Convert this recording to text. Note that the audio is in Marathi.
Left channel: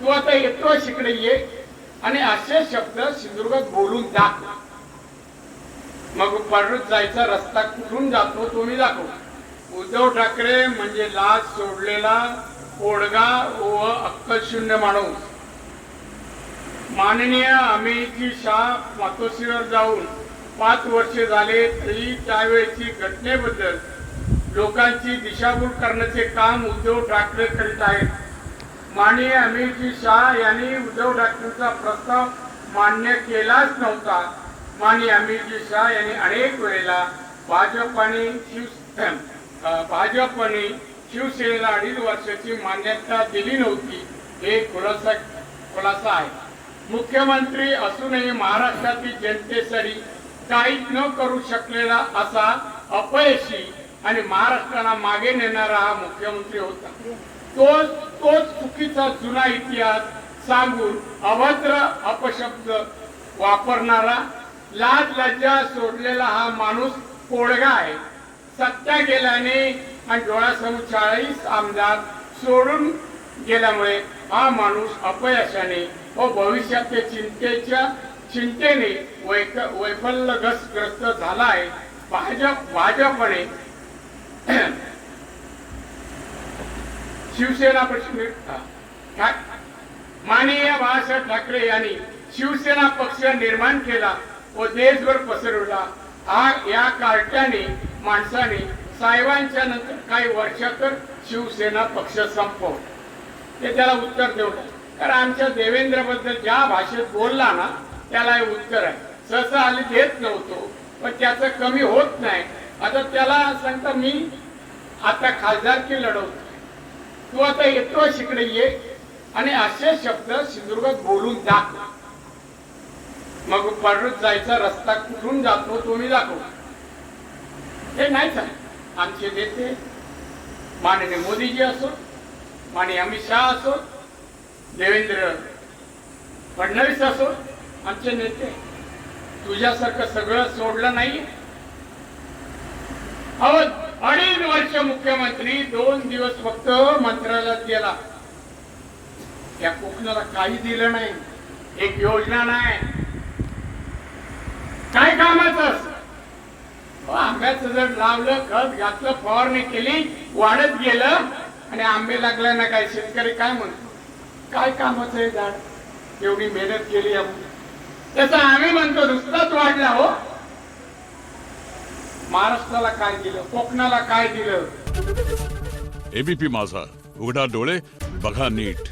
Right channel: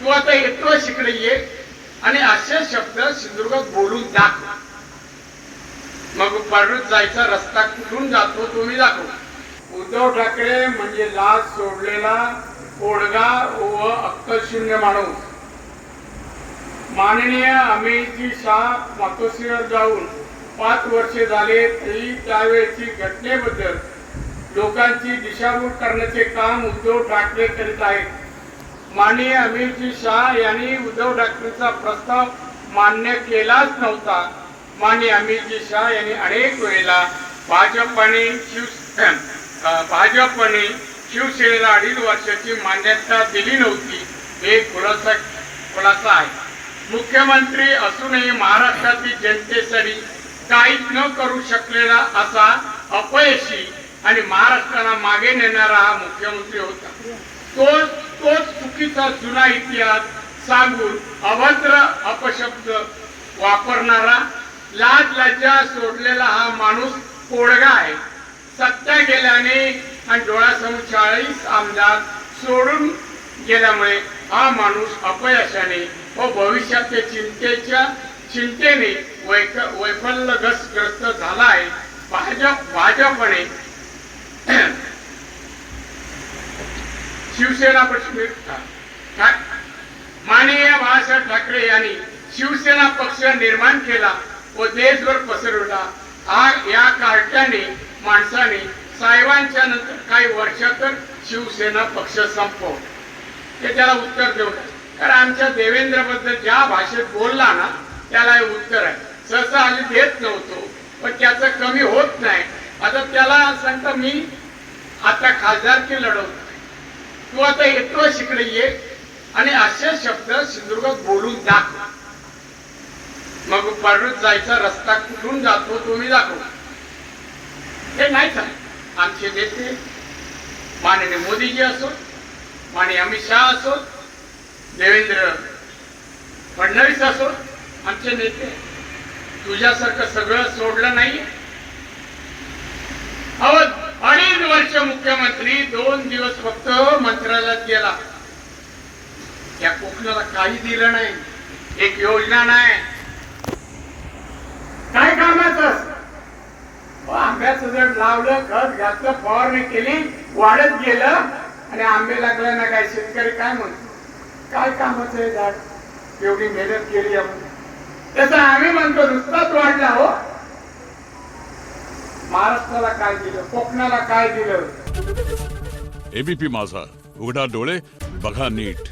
तू आता येतोस इकडे ये आणि असे शब्द सिंधुदुर्गात बोलून दाखव. मग परत जायचा रस्ता कुठून जातो तो मी दाखव. उद्धव ठाकरे म्हणजे लाज सोडलेला कोडगा व अक्कलशून्य माणूस. माननीय अमितजी शाह मातोश्रीवर जाऊन 5 वर्षे झाले तरी त्यावेळेची घटनेबद्दल लोकांची दिशाभूल करण्याचे काम उद्धव ठाकरे करीत आहेत. माननीय अमितजी शाह यांनी उद्धव ठाकरेंचा प्रस्ताव मान्य केलाच नव्हता. माननीय अमितजी शाह यांनी अनेक वेळेला भाजपने शिवसेनेला 2.5 वर्षाची मान्यता दिली नव्हती. हे खुलासा आहे. मुख्यमंत्री असूनही महाराष्ट्रातील जनतेसाठी काहीच न करू शकलेला असा अपयशी आणि महाराष्ट्राला मागे नेणारा हा मुख्यमंत्री होता. तोच चुकीचा जुना इतिहास सांगून अभद्र अपशब्द वापरणारा लाज लज्जा सोडलेला हा माणूस कोडगा आहे. सत्ता गेल्याने आणि डोळ्यासमोर 40 आमदार सोडून गेल्यामुळे हा माणूस अपयशाने व भविष्याच्या चिंतेने वैफल्यग्रस्त झाला आहे. भाजपने शिवसेना माननीय बाळासाहेब ठाकरे यांनी शिवसेना पक्ष निर्माण केला व देशभर पसरवला. या कार्ट्याने माणसाने साहेबांच्या नंतर काही वर्षातच शिवसेना पक्ष संपवला. ते त्याला उत्तर देऊ नये, कारण आमच्या देवेंद्र बद्दल ज्या भाषेत बोलला ना त्याला हे उत्तर आहे. सहसा आम्ही देत नव्हतो पण त्याचं कमी होत नाही. आता त्याला सांगता मी आता खासदारकी लढवतो. तू आता येतोस इकडे ये आणि असे शब्द सिंधुदुर्गात बोलून दाखव. मग परत जायचा रस्ता कुठून जातो तो मी दाखव. हे नाहीच आहे. आमचे नेते माननीय मोदीजी असो, माननीय अमित शाह असो, देवेंद्र फडणवीस असो, आमचे नेते तुझ्यासारखं सगळं सोडलं नाही. 2.5 वर्ष मुख्यमंत्री 2 दिवस फक्त मंत्रालयात गेला. त्या कोकणाला काही दिलं नाही, एक योजना नाही, काय कामाचं. आंब्याचं जर लावलं, खत घातलं, फवारणी केली, वाढत गेलं आणि आंबे लागले ना काय शेतकरी काय म्हणतो, काय कामाचं आहे झाड, एवढी मेहनत केली आपण. तसं आम्ही म्हणतो नुसताच वाढला हो. महाराष्ट्राला काय दिलं, कोकणाला काय दिलं. एबीपी माझा, उघडा डोळे बघा नीट.